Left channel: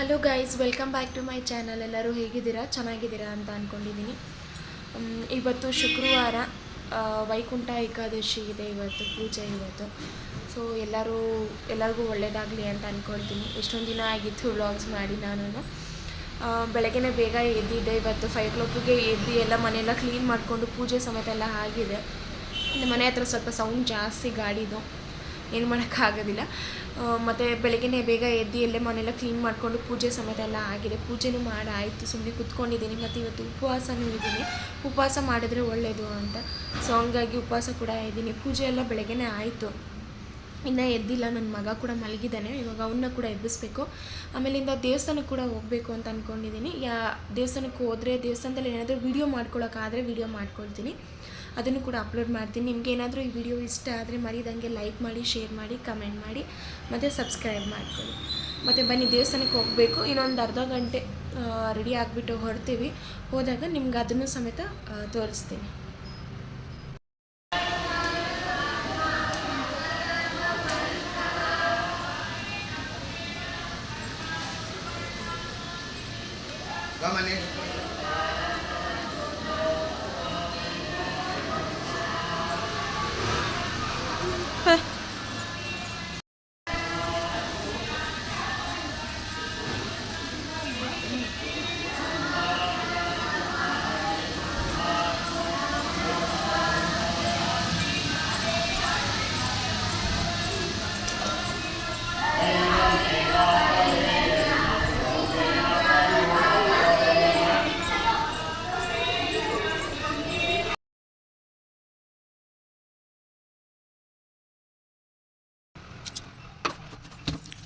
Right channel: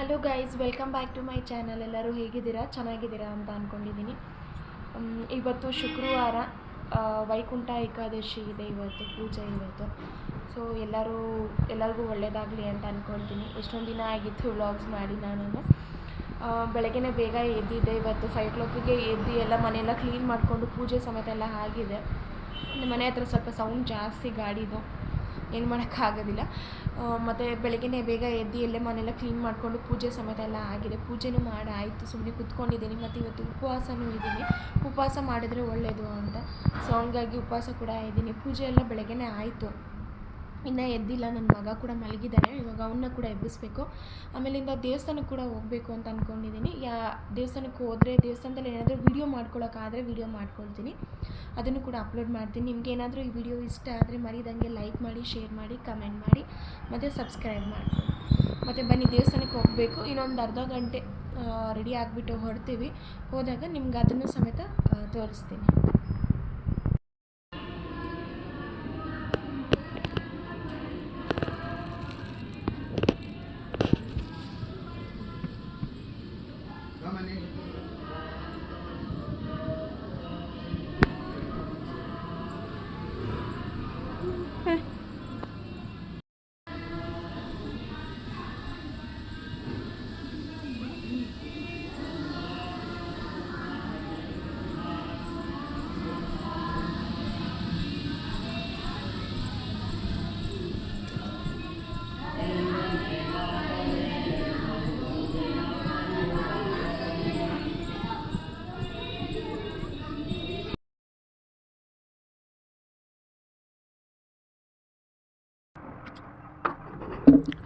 Hello guys, welcome back to my channel. ಎಲ್ಲರೂ ಹೇಗಿದ್ದೀರಾ? ಚೆನ್ನಾಗಿದ್ದೀರಾ ಅಂತ ಅಂದ್ಕೊಂಡಿದ್ದೀನಿ. ಇವತ್ತು ಶುಕ್ರವಾರ, ವೈಕುಂಠ ಏಕಾದಶಿ ಇದೆ. ಇವತ್ತು ಪೂಜೆ ಇವತ್ತು. ಸೊ ಎಲ್ಲರಿಗೂ ಒಳ್ಳೆಯದಾಗಲಿ ಅಂತ ಅಂದ್ಕೊಳ್ತೀನಿ. ಎಷ್ಟೊಂದು ದಿನ ಆಗಿತ್ತು ವ್ಲಾಗ್ಸ್ ಮಾಡಿ. ನಾನು ಬೆಳಗ್ಗೆ ಬೇಗ ಎದ್ದಿದ್ದೆ. ಇವತ್ತು 5 o'clock ಎದ್ದು ಎಲ್ಲ ಮನೆಯೆಲ್ಲ ಕ್ಲೀನ್ ಮಾಡಿಕೊಂಡು ಪೂಜೆ ಸಮೇತ ಎಲ್ಲ ಆಗಿದೆ. ಮನೆ ಹತ್ರ ಸ್ವಲ್ಪ ಸೌಂಡ್ ಜಾಸ್ತಿ ಗಾಡಿದು, ಏನು ಮಾಡೋಕ್ಕಾಗೋದಿಲ್ಲ. ಮತ್ತು ಬೆಳಗ್ಗೆ ಬೇಗ ಎದ್ದು ಎಲ್ಲೇ ಮನೆಯೆಲ್ಲ ಕ್ಲೀನ್ ಮಾಡಿಕೊಂಡು ಪೂಜೆ ಸಮೇತ ಎಲ್ಲ ಆಗಿದೆ. ಪೂಜೆನೂ ಮಾಡಾಯಿತು, ಸುಮ್ಮನೆ ಕೂತ್ಕೊಂಡಿದ್ದೀನಿ. ಮತ್ತು ಇವತ್ತು ಉಪವಾಸನೂ ಇದ್ದೀನಿ. ಉಪವಾಸ ಮಾಡಿದ್ರೆ ಒಳ್ಳೆಯದು ಅಂತ, ಸೊ ಹಂಗಾಗಿ ಉಪವಾಸ ಕೂಡ ಇದ್ದೀನಿ. ಪೂಜೆ ಎಲ್ಲ ಬೆಳಗ್ಗೆ ಆಯಿತು, ಇನ್ನೂ ಎದ್ದಿಲ್ಲ. ನನ್ನ ಮಗ ಕೂಡ ಮಲಗಿದ್ದಾನೆ. ಇವಾಗ ಅವನ್ನ ಕೂಡ ಎಬ್ಬಿಸ್ಬೇಕು. ಆಮೇಲಿಂದ ದೇವಸ್ಥಾನಕ್ಕೆ ಕೂಡ ಹೋಗಬೇಕು ಅಂತ ಅಂದ್ಕೊಂಡಿದ್ದೀನಿ. ದೇವಸ್ಥಾನಕ್ಕೆ ಹೋದರೆ ದೇವಸ್ಥಾನದಲ್ಲಿ ಏನಾದರೂ ವೀಡಿಯೋ ಮಾಡ್ಕೊಳ್ಳೋಕ್ಕಾದರೆ ವೀಡಿಯೋ ಮಾಡ್ಕೊಳ್ತೀನಿ, ಅದನ್ನು ಕೂಡ ಅಪ್ಲೋಡ್ ಮಾಡ್ತೀನಿ. ನಿಮ್ಗೆ ಏನಾದರೂ ಈ ವಿಡಿಯೋ ಇಷ್ಟ ಆದರೆ ಮರಿದಂಗೆ ಲೈಕ್ ಮಾಡಿ, ಶೇರ್ ಮಾಡಿ, ಕಮೆಂಟ್ ಮಾಡಿ, ಮತ್ತು ಸಬ್ಸ್ಕ್ರೈಬ್ ಮಾಡ್ಕೊಳ್ಳಿ. ಮತ್ತು ಬನ್ನಿ, ದೇವಸ್ಥಾನಕ್ಕೆ ಹೋಗಬೇಕು. ಇನ್ನೊಂದು ಅರ್ಧ ಗಂಟೆ ರೆಡಿ ಆಗಿಬಿಟ್ಟು ಹೊರಡ್ತೀವಿ. ಹೋದಾಗ ನಿಮ್ಗೆ ಅದನ್ನು ಸಮೇತ ತೋರಿಸ್ತೀನಿ.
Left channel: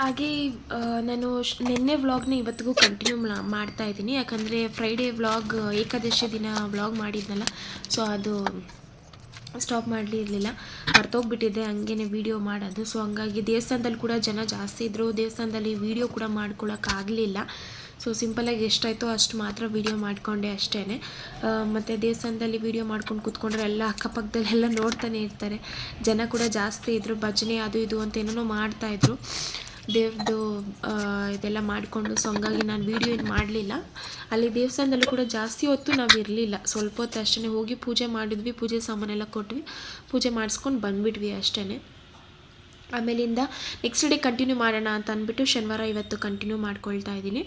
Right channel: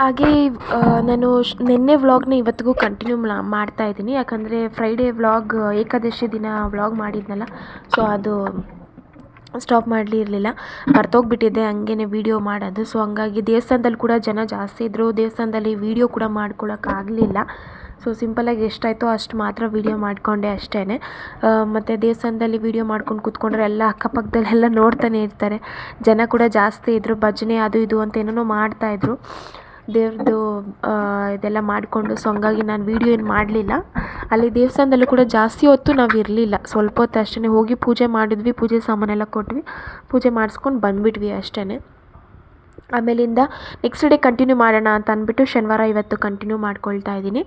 ಹಾಗೇ ನಾನು ನಿನ್ನೆ ವ್ಲಾಗ್ನ ಇವತ್ತಿಗೂ ಕಂಟಿನ್ಯೂ ಮಾಡ್ತಾಯಿದ್ದೀನಿ. ಯಾಕಂದರೆ ಫ್ರೈಡೇ ವ್ಲಾಗ್, ಏಕಾದಶಿ ದಿನ ವ್ಲಾಗ್ ಮಾಡಿದ್ನಲ್ಲ, ಸೊ ಅದು ಸ್ಟಾಪ್ ಮಾಡಲಿರಲಿಲ್ಲ, ಮರ್ತೋಗ್ಬಿಟ್ಟಿದ್ದೆ ಹಂಗೇ ವೀಡಿಯೋ ಮಾಡೋದು. ಸೊ ಹಂಗಾಗಿ ದೇವಸ್ಥಾನದಲ್ಲಿ ಕೂಡ ಜನ ಜಾಸ್ತಿ ಇದ್ದರು. ದೇವಸ್ಥಾನದಲ್ಲಿ ವೀಡಿಯೋ ಕೂಡ ಮಾಡ್ಕೊಳಕ್ಕಾಗಲಿಲ್ಲ. ಸೊ ಸಿಂಪಲಾಗಿ ಎಷ್ಟಾಯಿತೋ ಅಷ್ಟು ಮಾತ್ರ ವೀಡಿಯೋ ಮಾಡಿಕೊಂಡೆ ಅಷ್ಟೇ. ಮತ್ತು ದೇವಸ್ಥಾನದಲ್ಲಿ ವೀಡಿಯೋ ಮಾಡ್ಕೊಂಡು ಕೂತ್ಕೊಂಡ್ರೆ ಎಲ್ಲ ಅಕ್ಕಪಕ್ಕದಲ್ಲೆಲ್ಲ ನೋಡ್ತಾನೆ ಇರ್ತಾರೆ. ಜನ ಕೂಡ ಜಾಸ್ತಿ ಇದ್ದರು. ಭಜನೆ ಅದು ಇದು ಅಂತ ಏನೇನೋ ಮಾಡ್ತಾಯಿದ್ರು, ದೇವ್ರದ್ದು ಇದೆಲ್ಲ ಮಾಡಿಕೊಂಡು. ಸೊ ಹಂಗಾಗಿ ನಾನು ವೀಡಿಯೋ ಏನು ಮಾಡಲಿಲ್ಲ. ಅಲ್ಲಿ ದೇವಸ್ಥಾನದಲ್ಲೂ ಕೂಡ ಜಾಸ್ತಿ ಹೊತ್ತು ನಾವು ಇರಲಿಲ್ಲ, ಸ್ವಲ್ಪ ಹೊತ್ತು ಅಷ್ಟೇ. ಹೋಗಿ ಪೂಜೆ ಮಾಡಿದ್ವಿ, ಪೂಜೆ ಸಾಮಾನೆಲ್ಲ ಕೊಟ್ವಿ, ಪೂಜೆ ಮಾಡಿಸ್ಕೊಂಡು ಬಂದುಬಿಟ್ವಿ ಅಷ್ಟೇ. ಆಮೇಲಿಂದ ನೆಕ್ಸ್ಟ್ ಡೇ ಕಂಟಿನ್ಯೂ ಮಾಡೋಣ ಅಂತ ಅಂದ್ಬಿಟ್ಟು ಶನಿವಾರ ಇವತ್ತು ಕಂಟಿನ್ಯೂ ಮಾಡ್ಕೊಳ್ತಾ ಇದ್ದೀನಿ.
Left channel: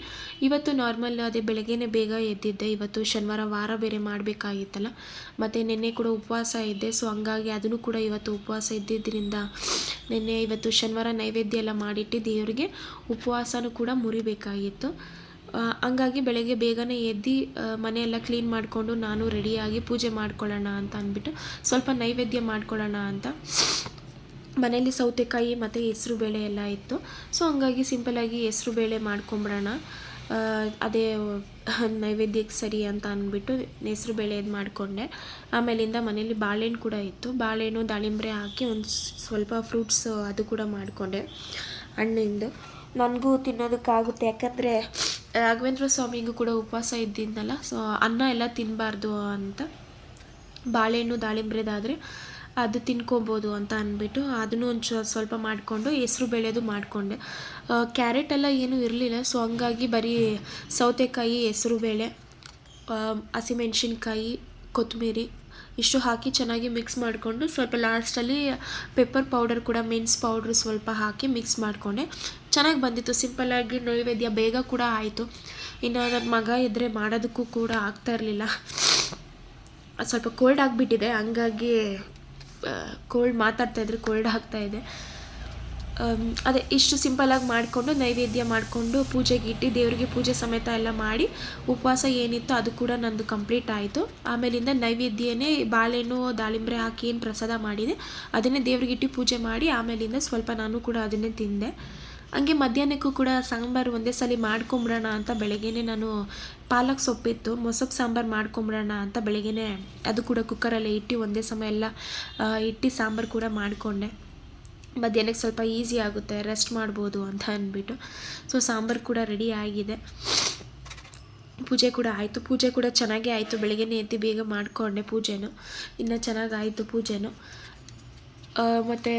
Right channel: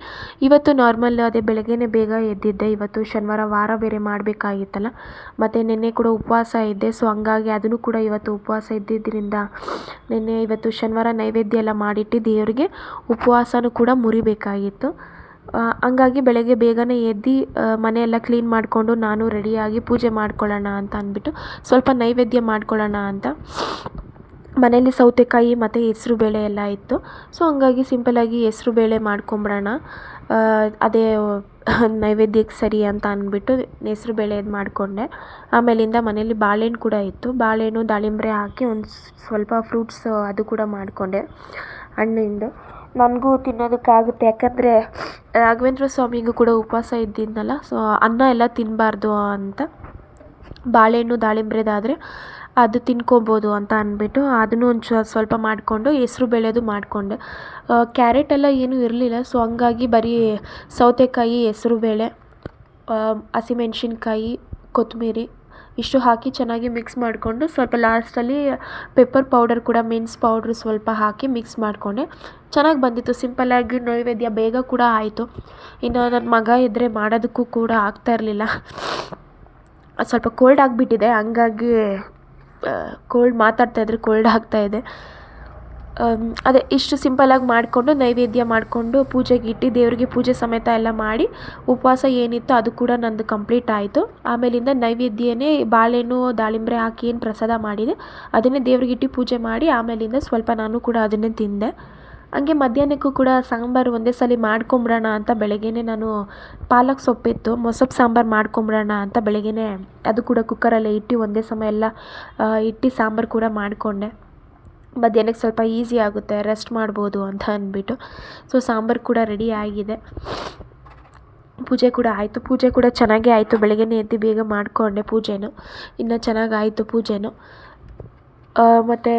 ಇವತ್ತು ನಾರ್ಮಲ್ ಅದೇ ಬೆಳಗ್ಗೆನೇ ಬೇಗ ಎದ್ದಿದ್ದೆ. ಇವತ್ತು ಶನಿವಾರ, ವಾರ ಬೇರೆ ಮಾಡಬೇಕಾಗಿತ್ತಲ್ಲ, ಮತ್ತು ನಿನ್ನೆ ಕೂಡ ಉಪವಾಸ ಇದ್ದೆ. ಸೊ ಹಂಗಾಗಿ ಅದನ್ನು ಕೂಡ ಇವತ್ತು ಉಪವಾಸ ಇದ್ದಿದ್ದರಿಂದ ಇವತ್ತು ಶನಿವಾರ ನೈವೇದ್ಯ ಎಲ್ಲ ಮಾಡಿಟ್ಟು ದೇವರಿಗೆ ಉಪವಾಸನೂ ಕೂಡ ಮುರಿಬೇಕಾಗಿತ್ತು. ಹಂಗಾಗಿ ಬೆಳಗ್ಗೆ ಬೇಗನೆ ಎದ್ದು ಮನೆಯೆಲ್ಲ ಕ್ಲೀನ್ ಮಾಡಿಕೊಂಡು ನಾನು ರೆಡಿಯಾಗಿ ಪೂಜೆ ಮಾಡ್ಕೊಳ್ಳೋಣ ಅಂತ ಅಂದ್ಬಿಟ್ಟು ಸ್ವಲ್ಪ ನೈವೇದ್ಯ ಮಾಡ್ಕೊಳ್ಳೋಣ ಅಂತ. ಮನೇಲಿ ಸೌತೆಕಾಯಿ ಮತ್ತು ಹೆಸ್ರು ಬೇಳೆ ಎಲ್ಲ ಇತ್ತು. ಸೊ ಹಂಗಾಗಿ ಸಿಂಪಲಾಗಿ ಹೆಸ್ರು ಬೇಳೆ ಮಾಡ್ಕೊಂಬಿಡೋಣ, ಅದೇ ನೈವೇದ್ಯಕ್ಕೆ ಸರಿ ಅಂತ ಅಂದ್ಬಿಟ್ಟು ಹೆಸ್ರು ಬೇಳೆ ಇದು ಮಾಡಿಕೊಂಡೆ. ಆಮೇಲಿಂದ ಮನೇಲಿ ಬಾಳೆಹಣ್ಣು ಕೂಡ ಇತ್ತು, ಬಾಳೆಹಣ್ಣು ದಾಳಿಂಬೆ ಹಾಕಿ ಒಂದು ಸ್ವಲ್ಪ ಫ್ರೂಟ್ಸ್ ಅದು ಕೂಡ ಮಾಡಿಕೊಂಡೆ ಹಣ್ಣಿಂದು. ನನಗೂ ತಿನ್ನೋದಕ್ಕಾಗುತ್ತೆ, ಯಾಕಂದರೆ ರಾಘವೇಂದ್ರ ಸ್ವಾಮಿಗೂ ಕೂಡ ಉಪವಾಸ ಇದ್ದಿದ್ದನಲ್ಲ, ಸೊ ಅನ್ನ ಎಲ್ಲ ತಿನ್ನಬಾರ್ದು ಅಂತ ಬಾಳೆಹಣ್ಣು ದಾಳಿಂಬ್ರೆದಾದರೆ ಅದು ತಿನ್ಕೊಬೋದು ಅಂತ ಅಂದ್ಬಿಟ್ಟು ಅದನ್ನು ಒಂದು ಸ್ವಲ್ಪ ಮಾಡಿಕೊಂಡು ಹೆಸ್ರು ಬೇಳೆದು ಮಾಡಿಕೊಂಡೆ. ಕ್ಯಾರೆಟ್ ಎಲ್ಲ ಏನೂ ಇರಲಿಲ್ಲ. ಸೊ ಹಂಗಾಗಿ ಬರೀ ಸೌತೆಕಾಯಿ, ಹೆಸ್ರು ಬೇಳೆ, ಹಸಿಮೆಣ್ಸಿನ್ಕಾಯಿ, ಕೊತ್ತಂಬರಿ ಇಷ್ಟು ಹಾಕಿ ಚೆನ್ನಾಗಿ ಮಿಕ್ಸ್ ಮಾಡಿಕೊಂಡು ಸ್ವಲ್ಪ ಲಾಸ್ಟಲ್ಲಿ ಪೆಪ್ಪರ್ ಪೌಡರ್ ಕೂಡ, ಮೆಣಸು ಪೌಡ್ರ್ ಸ್ವಲ್ಪ ಹಾಕಿ ಮಿಕ್ಸ್ ಮಾಡಿಕೊಂಡೆ. ಚೆನ್ನಾಗಿ ಬಂದಿತ್ತು. ಸಿಂಪಲ್ಲಾಗಿ ನೈವೇದ್ಯ ಬೇಗ ಕೂಡ ಆಯಿತು. ಇನ್ನು ನನ್ನ ಮಗ ಇದ್ದರೆ ಮಾಡೋದಕ್ಕೂ ಕೂಡ ಆಗ್ತಾಯಿರಲಿಲ್ಲ, ಸ್ವಲ್ಪ ಕೋಲ್ಡ್ ಆಗಿಬಿಟ್ಟಿದೆ. ಹಂಗಾಗಿ ಮಾತಾಡ್ತಾಯಿದ್ರೆ ಕೋಲ್ಡ್ ಆಗ್ತಾಯಿದೆ. ಅದೇ ಇಷ್ಟು ಸಿಂಪಲಾಗಿ ಮಾಡಿಕೊಂಡು ನೈವೇದ್ಯ ಮಾಡಿಕೊಂಡು ಪೂಜೆಗೆ ಇಟ್ಟು ದೇವರಿಗೆ ಪೂಜೆ ಸಮೇತ ಎಲ್ಲ ಮಾಡಿ ಉಪವಾಸ ಏನಿತ್ತು ಅದು ಕೂಡ ನಂದು ಕಂಪ್ಲೀಟ್ ಆಯಿತು. ಆಮೇಲಿಂದ ನೈವೇದ್ಯನೇ ಬಾಳೆಹಣ್ಣು ದಾಳಿಂಬೆ ಹಾಕಿ ಏನು ಪ್ರಸಾದ ಮಾಡಿದೆ ಅದನ್ನೇ ದೇವ್ರಿಗೆ ಇಟ್ಟು ಪೂಜೆ ಮಾಡಿ ಆಮೇಲಿಂದ ಸ್ವಲ್ಪ ನಾನು ಕೂಡ ಅದನ್ನೇ ತಿಂದೆ. ಹಂಗೆ ಮಧ್ಯಾಹ್ನಕ್ಕೂ ಕೂಡ ಸಾಂಬಾರು ಒಂದೇ ಸಲ ಮಾಡ್ಕೊಂಬಿಡೋಣ ಅಂತ ಬೆಳಗ್ಗೆನೇ ನಾನು ಪಾಲಕ್ ಸೊಪ್ಪಿತ್ತು, ಮೊಸಪ್ಪು ಸಾಂಬಾರು ಮಾಡ್ಕೊಂಬಿಡೋಣ ಅಂತ ಬೆಳಗ್ಗೆನೇ ಅದು ಕೂಡ ಕುಕ್ಕರಲ್ಲೇ ಇಟ್ಟು ಒಂದೇ ಸಮಯ ಎಲ್ಲ ಇಟ್ಟು ಸಾಂಬಾರು ಕೂಡ ಮಾಡಿಕೊಂಡೆ. ಮಧ್ಯಾಹ್ನಕ್ಕೆ ಸ್ವಲ್ಪ ಈಸಿ ಆಗುತ್ತೆ, ರೆಸ್ಟ್ ಮಾಡ್ಬೋದು ಅಂತ ಅಂದ್ಬಿಟ್ಟು. ಸೊ ಸಾಂಬಾರು ಕೂಡ ರೆಡಿ ಆಗಿದೆ. ಪೂಜೆ ಕೂಡ ಆಯಿತು. ಪೂಜೆ ಕೂಡ ಚೆನ್ನಾಗೇ ಆಯಿತು. ಬೆಳಗ್ಗೆನೇ ಎದ್ದು ಬೇಗ ಮಾಡಿಕೊಂಡೆ ಪೂಜೆನೂ, ಇನ್ನೂ ಚೆನ್ನಾಗಾಯಿತು ಪೂಜೆನೂ. ಮತ್ತು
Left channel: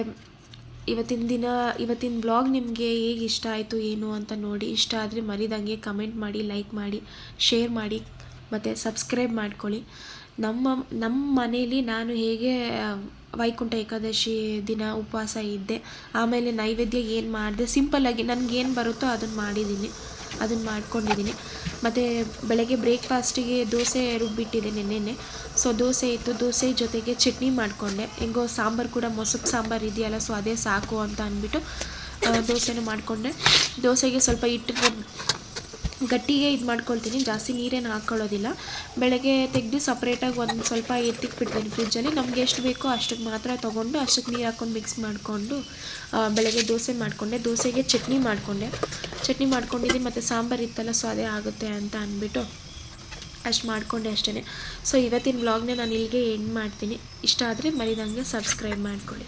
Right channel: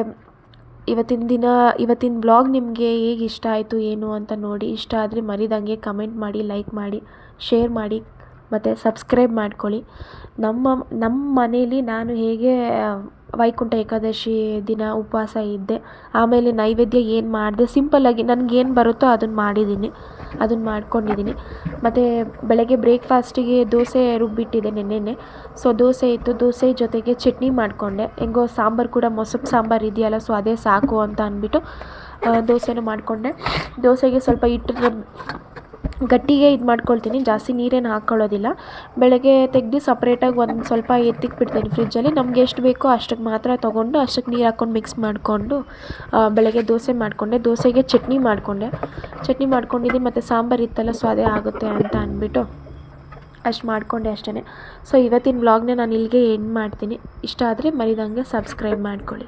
ಇವತ್ತಿನ ಬ್ಲಾಗ್ ನಿಮಗೆ ಹೇಗೆ ಇಷ್ಟ ಆಯಿತು ಏನು ಅಂತ ನೋಡಿ. ಇಷ್ಟ ಆದರೆ ಮರಿದಂಗೆ ಕಮೆಂಟ್ ಮಾಡಿ, ಲೈಕ್ ಮಾಡಿ, ಶೇರ್ ಮಾಡಿ ಮತ್ತು ಸಬ್ಸ್ಕ್ರೈಬ್ ಮಾಡ್ಕೊಳ್ಳಿ. ನಮ್ಮ ಮನೇಲಿ ನಾನು ಹೇಗೆ ವೈಕುಂಠ ಏಕಾದಶಿ ದಿನ ಉಪವಾಸ ಇದ್ದೆ, ಆಮೇಲೆ ನೈವೇದ್ಯ ಏನು ಮಾಡಿದೆ, ಸಿಂಪಲ್ಲಾಗಿ ನನಗೇನು ಬರುತ್ತೋ ಅದನ್ನು ಮಾಡ್ಕೊಂಡಿದ್ದೀನಿ. ಮತ್ತು ಬೆಳಗ್ಗೆ ಬ್ರೇಕ್ಫಾಸ್ಟಿಗೆ ದೋಸೆ ರುಬ್ಬಿಟ್ಟಿದ್ದೆ ನೆನ್ನೆನೆ. ಸೊ ದೋಸೆ ಇತ್ತು, ದೋಸೆ ಜೊತೆಗೆ ಚಟ್ನಿ ಮಾಡಿಕೊಂಡೆ. ಹೆಂಗೋ ಸಾಂಬಾರು ಕೂಡ ಮೊಸರು ಸಾಂಬಾರು ಇದೆಯಲ್ಲ, ಸೊ ಅದೇ ಸಾಕು ಅಂತ ಅಂದ್ಬಿಟ್ಟು ದೋಸೆನೂ ಮಾಡಿಕೊಂಡೆ. ದೋಸೆಗೆ ಸ್ವಲ್ಪ ಹಿಟ್ಟು ಗಟ್ಟಿಗೆ ಇದು ಮಾಡ್ಕೊಳ್ತೀನಿ, ಜಾಸ್ತಿ ನೀರೇನು ಹಾಕ್ಕೊಳ್ಳೋದಿಲ್ಲ. ಬೆಳಗ್ಗೆ ತೆಗೆದು ಸಪ್ರೇಟಾಗಿ ಒಂದು ಸ್ವಲ್ಪ ಎತ್ತಿಕ್ಬಿಡ್ತೀನಿ ಫ್ರಿಜ್ಜಲ್ಲಿ. ನಮ್ಗೆ ಎಷ್ಟು ಬೇಕೋ ಅಷ್ಟಕ್ಕೆ ಮಾತ್ರ ತೊಗೊಂಡು ಅಷ್ಟಕ್ಕೆ ನೀರು ಹಾಕ್ಕೊಂಡು ಮಿಕ್ಸ್ ಮಾಡಿಕೊಂಡು ಬೆಳಗ್ಗೆ ದೋಸೆ ಮಾಡಿಕೊಂಡೆ. ದೋಸೆಗೆ ಚಟ್ನಿ ಮಾಡ್ಕೊಂಡಿದ್ದೀನಿ ಮತ್ತು ಸಾಂಬಾರು ಇತ್ತಲ್ಲ, ಸೊ ಅದೇ ಆಗುತ್ತೆ ಅಂತ ಅಂದ್ಬಿಟ್ಟು ಅಷ್ಟು ಮಾಡಿಕೊಂಡೆ ಅಷ್ಟೇ. ಸೊ ಇವತ್ತಿನ ವ್ಲಾಗ್ನ ನಾನು ಇಲ್ಲಿಗೆ ಎಂಡ್ ಮಾಡ್ತೀನಿ. ಇಷ್ಟ ಆದರೆ ಮರಿದಂಗೆ ಸಬ್ಸ್ಕ್ರೈಬ್ ಮಾಡ್ಕೊಳ್ಳಿ.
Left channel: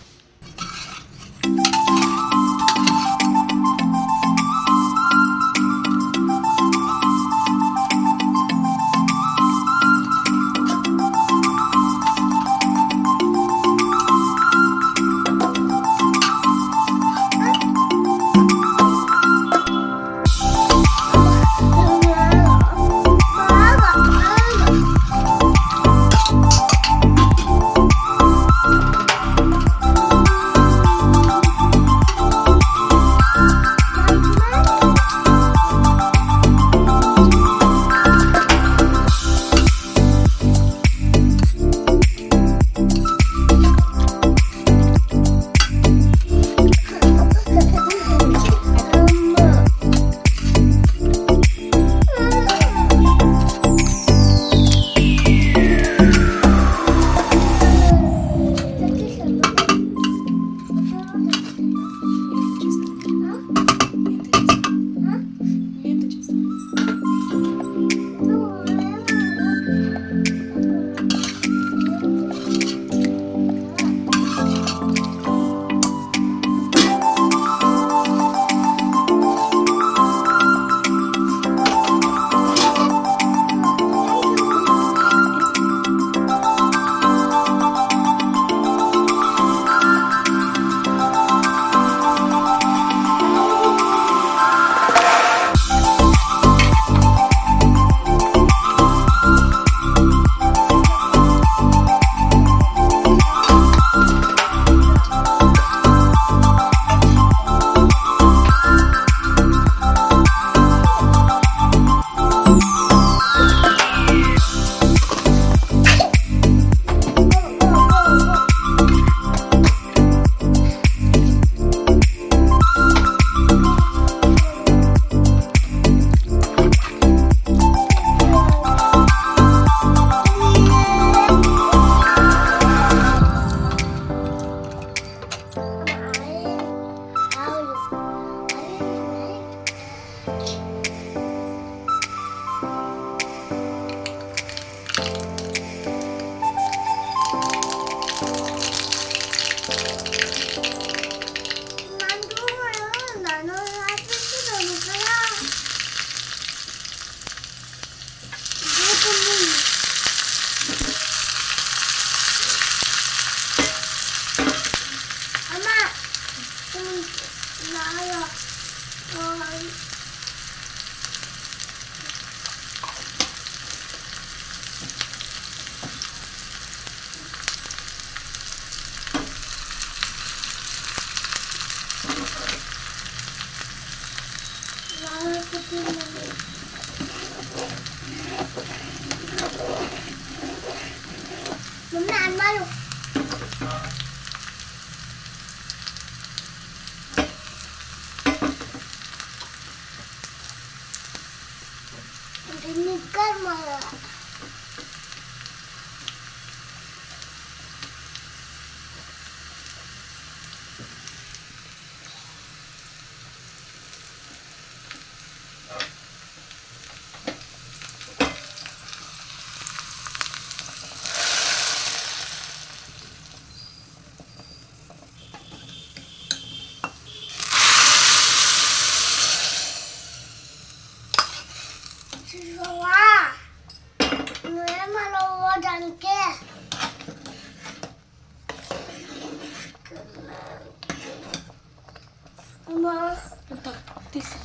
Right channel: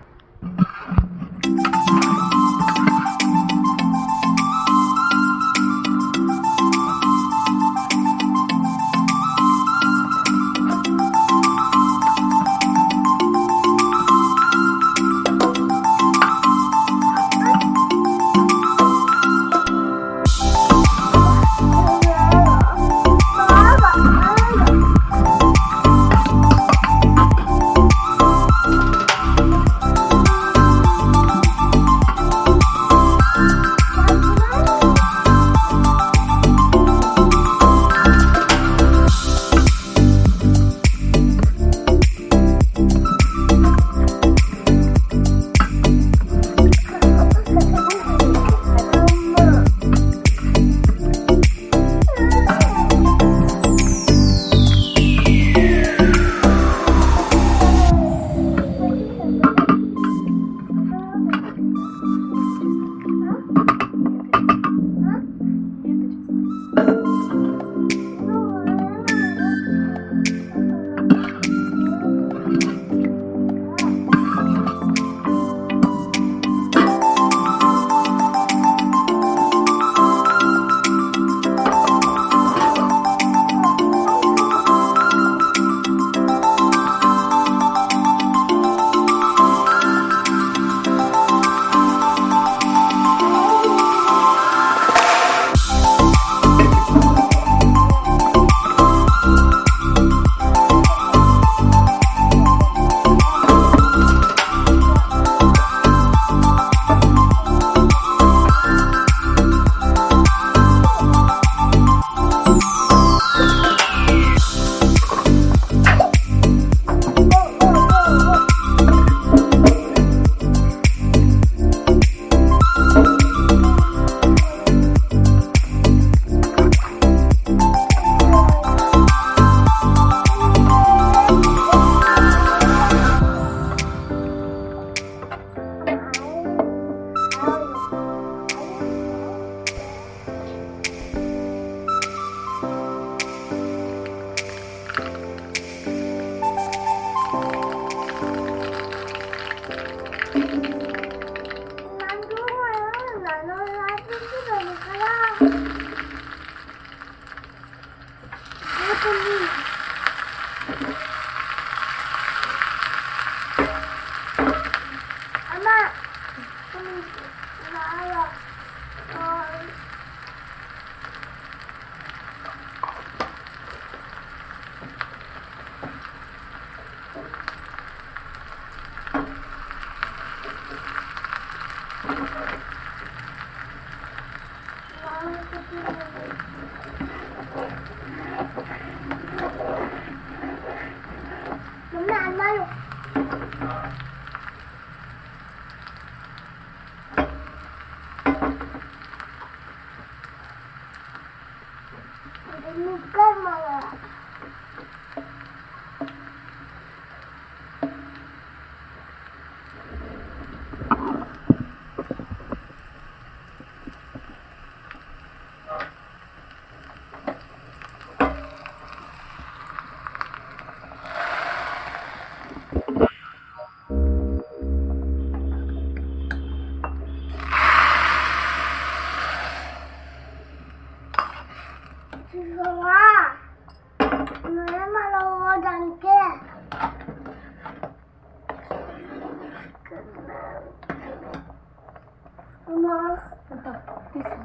ತೀಸಿ